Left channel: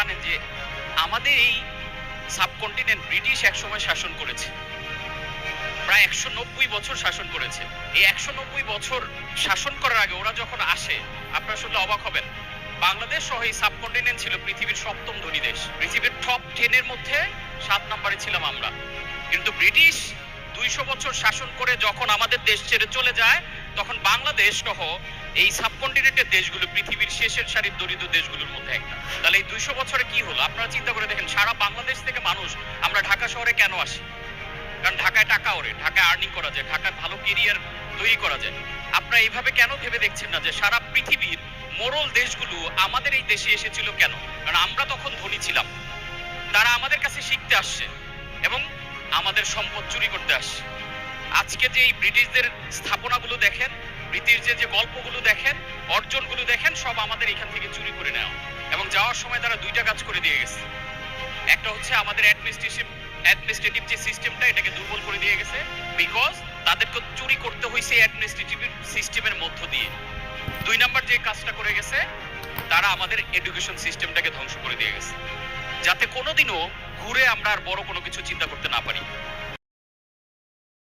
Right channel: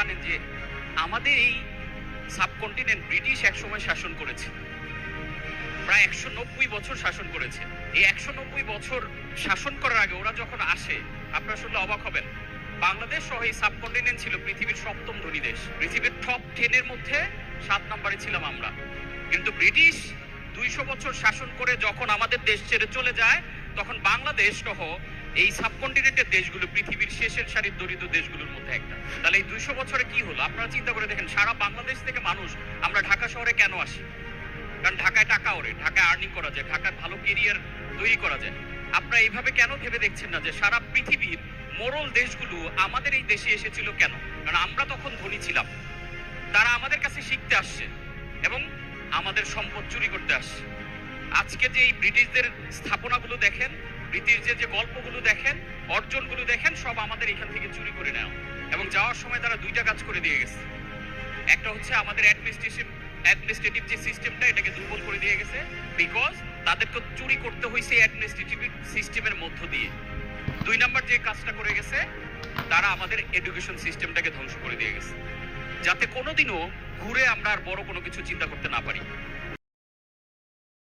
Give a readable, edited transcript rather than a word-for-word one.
জানেন যে আমাদের এই সাবকন্টিনেন্ট ব্রিটিশ একসময় শাসন করেছে, প্রায় 190 বছর শাসন করেছে। এই 190 বছর শাসন করার আগে ওরা যখন আসে, আপনারা শুনলে অবাক হবেন, বাংলাদেশ সহ এই সাবকন্টিনেন্ট ছিল পৃথিবীর 7ম ধনী দেশ। পৃথিবীর টপ 10 এর মধ্যে 7 নম্বরে ছিলাম আমরা। কিন্তু ব্রিটিশ 200 বছর শাসন করে যখন আমাদের দেশ ছেড়ে চলে যায়, তখন বাংলাদেশ সহ এই সাবকন্টিনেন্টের দেশগুলো পৃথিবীর শেষের সারির দরিদ্র দেশগুলোর মধ্যে একটা। তাহলে এই 200 বছরে কি হলো আপনারা চিন্তা করে দেখেন। সারা বাংলাদেশ থেকে মানুষ আমরা ঢাকা শহরে কেন আসি? কারণ ঢাকায় টাকা ওরে, ঢাকায় আর্নিং করা যায়, ঢাকায় ভালো কেরিয়ার তৈরি করা যায়। আপনারা এইভাবে কেন ভেবে দেখছেন না যে সারা পৃথিবীর মোড়ল দেশগুলো আমাদের এই দেশে এসেছিল কেন? কারণ আমরা তখন ধনী ছিলাম, তারা আমাদের কাছে শিখতে আসছে এবং আমাদের সম্পদ চুরি করতে আসছে। আজকে যে এই ব্রিটিশদের স্থাপনাগুলো দেখেন, ব্রিটিশদের যে গল্পগুলো দেখেন, অর্জনগুলো দেখেন, সব আমাদের এখান থেকে চুরি করে নেওয়া। এবং যাওয়ার সময় তারা 2টা কাজ করে দিয়ে গেছে। একটা হচ্ছে আমাদের অ্যাডমিনিস্ট্রেটিভ যে সিস্টেমটা, এটাকে দুর্বল করে দিয়ে গেছে, বিকজ তাদেরকে চুরি করতে হয়েছে অ্যাডমিনিস্ট্রেটিভ সিস্টেমের মধ্য দিয়ে। 2 নাম্বার যে কাজটা করে গেছে, তারা আমাদের এডুকেশন সিস্টেমটাকে ধ্বংস করে দিয়ে গেছে, যাতে কোনোদিনও ঘুরে আমরা আর বড় কোনো কিছু চিন্তা করতে না পারি।